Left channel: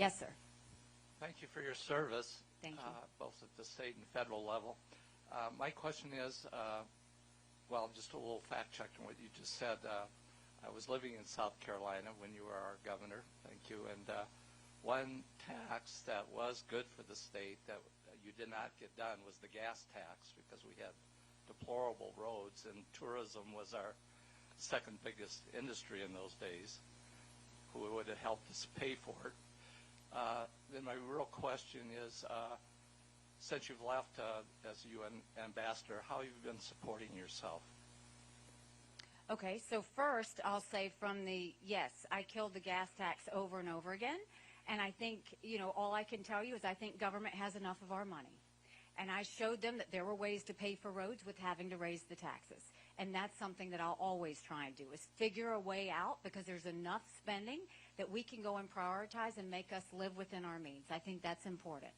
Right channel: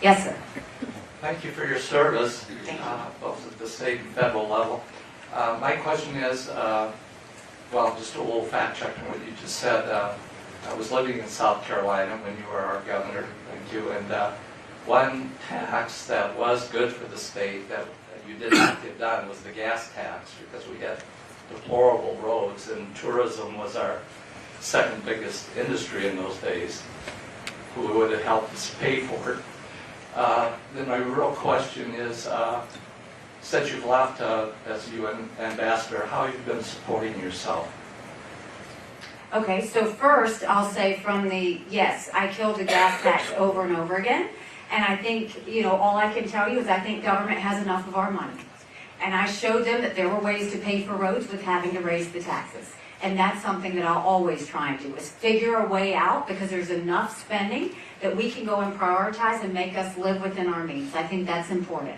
Yes, sir. Thank you for your service, both at the state and federal level. My question is, well, just a little fact check on what you just said. I was living in South Carolina when you were our governor, thank you, and one tax that was good for the state that you did not get done was the gas tax, because we had deplorable roads, and tourism was our second biggest industry in those days, who would have helped us pay for it. Then my real question is, since you've left as UN ambassador, how have you been supporting yourself? Okay, so first I'll say yes, I killed the gas tax over and over again. And I think, all I can tell you is I think government has enough of our money. And I showed them that there were ways to pay for roads with having to raise the taxes. And that's something that I'll always try and do, is figure a way out, because there's enough spending that we can go and prioritize and make us live within our means. I think that's important.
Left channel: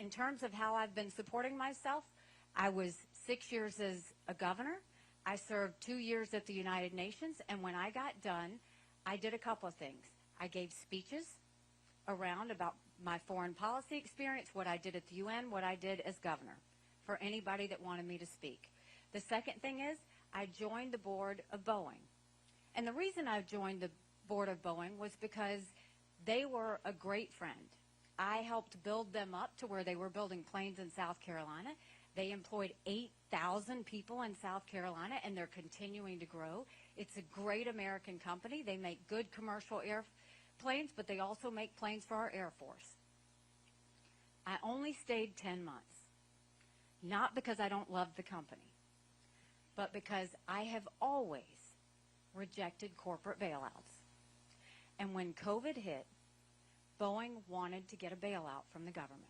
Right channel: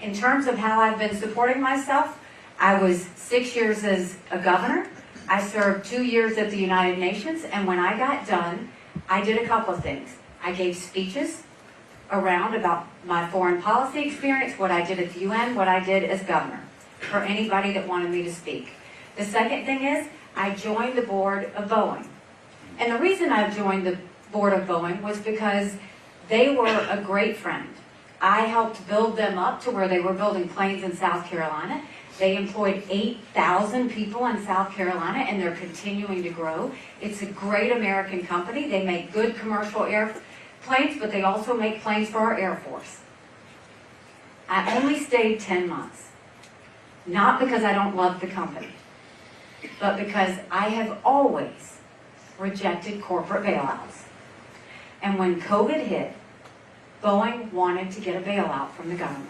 In terms of how I've been supporting myself, I was 6 years as a governor. I served 2 years at the United Nations, and when I got done, I did a couple of things. I gave speeches around about my foreign policy experience, what I did at the UN, what I did as governor, for anybody that wanted me to speak. The second thing is, I joined the board of Boeing. And the reason I joined the board of Boeing was because they were a great friend. I helped build them up to where they were building planes in South Carolina. They employed 8,000 people in South Carolina, and they're continuing to grow. It's a great American company. They make good commercial airplanes, but they also make planes for our Air Force. I only stayed 10 months. Not because I don't love the company, but because I have always rejected corporate bailouts. And when COVID hit, Boeing wanted to get a bailout from the government.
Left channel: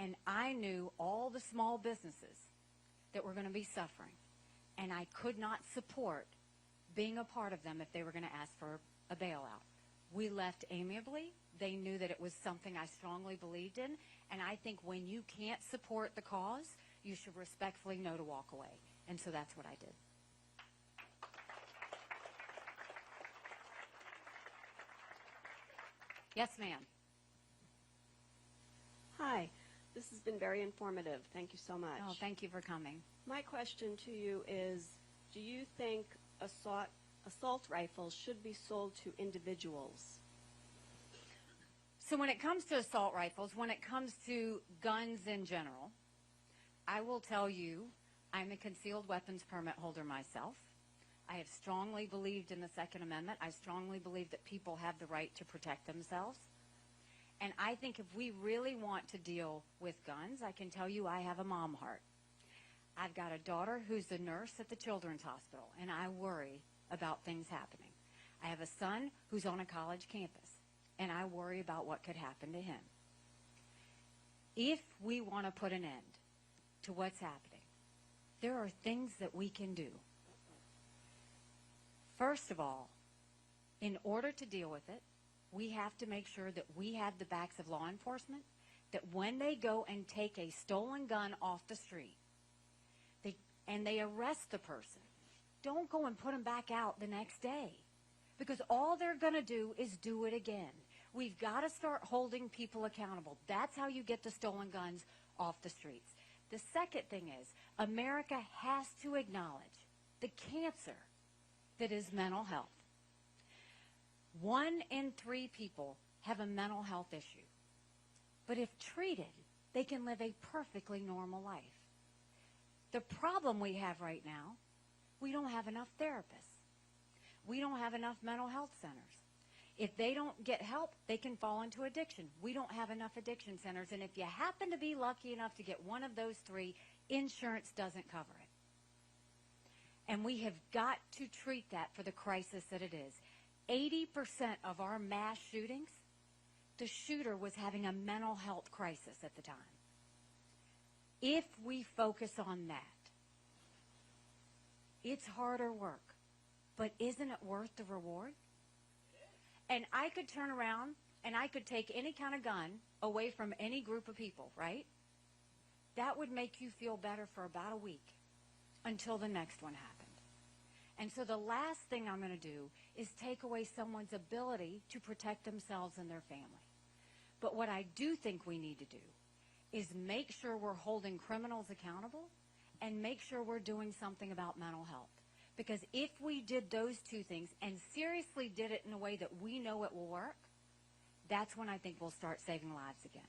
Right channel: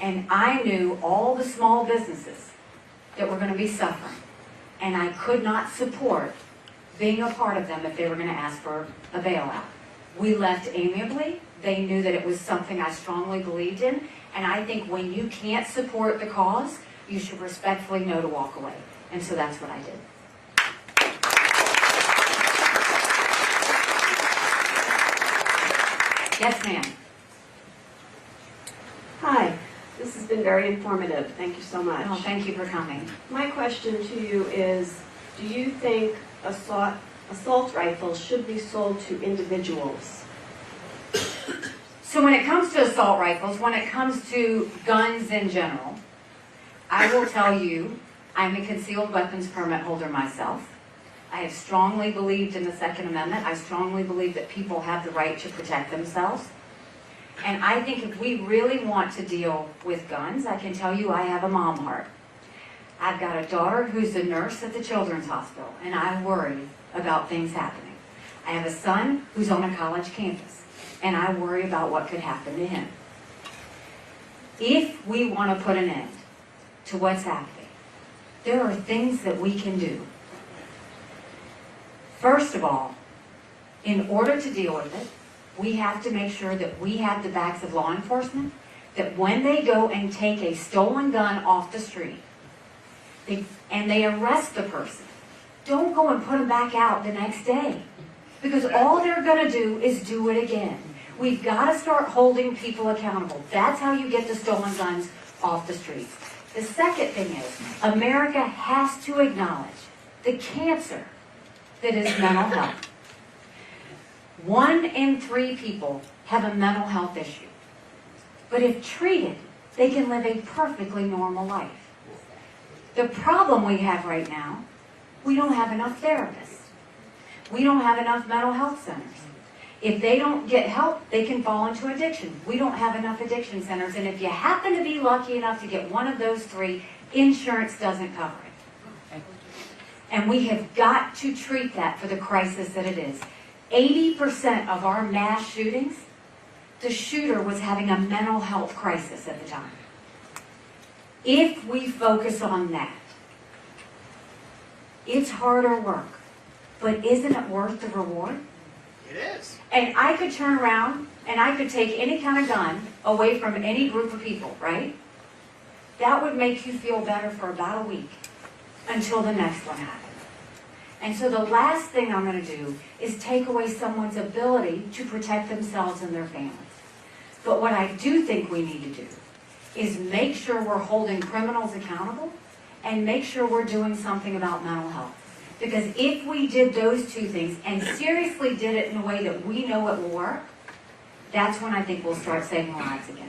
And I knew all the small businesses that were going to be suffering. And I could not support being a part of them if they were going to ask for a bailout. We left amicably. They knew that it was something I strongly believed in. And I think when you can't support the cause, you should respectfully know to walk away. And so that's what I did. Yes, ma'am. Hi, this has been very informative. Thank you so much. Oh, thank you for coming. My question to you is, do you think assault rifles should be sold to individuals? So when it comes to assault rifles, when it comes to guns in general, I will tell you, I'm a concealed weapons permit holder myself. I have strongly believed in the Second Amendment. I strongly believe that people have the right to protect themselves. And I think if we really want to deal with guns, I can tell you I have a mom heart. I've got a daughter who's a nurse at the Children's Hospital, and I worry about things happening. I have a son who's on a college campus, and I worry about what could happen to him. If we want to put an end to what's happening, there are things that we can do. First of all, in order to deal with it, we have to make sure that we have the backs of law enforcement, that when they go and take a stolen gun off the street, and they arrest the person, don't go and put them back out the next day. Because all they're going to do is do it again. We've got to start holding people accountable. That's how you get the stolen guns off the streets. The second thing is, America has to acknowledge the cancer that is mental health. 1 in 3 people have a mental health issue. But if treated, they can live a perfectly normal life. The problem we have right now, we don't have enough therapists. We don't have enough mental health centers. If they don't get help, they can fall into addiction. We don't have enough addiction centers, and if you happen to be lucky enough to get one of those 3, insurance doesn't cover it. And we have got to treat that for the crisis that it is. 80% of our mass shootings, the shooter was having a mental health crisis at the time. If we focus on that, it's harder work, but isn't it worth the reward? It is. And I could turn around and I could take any kind of gun away from any group of people, right? That would make you feel better for about a week until the next one happens. And so the last thing I'm going to do is take away someone's ability to protect themselves and their families. But what I do think we need to do is make sure we're holding criminals accountable and make sure we're doing something about mental health. Because if we did those two things and seriously did it in a way that we know it will work, that's when I think we'll start saving lives again.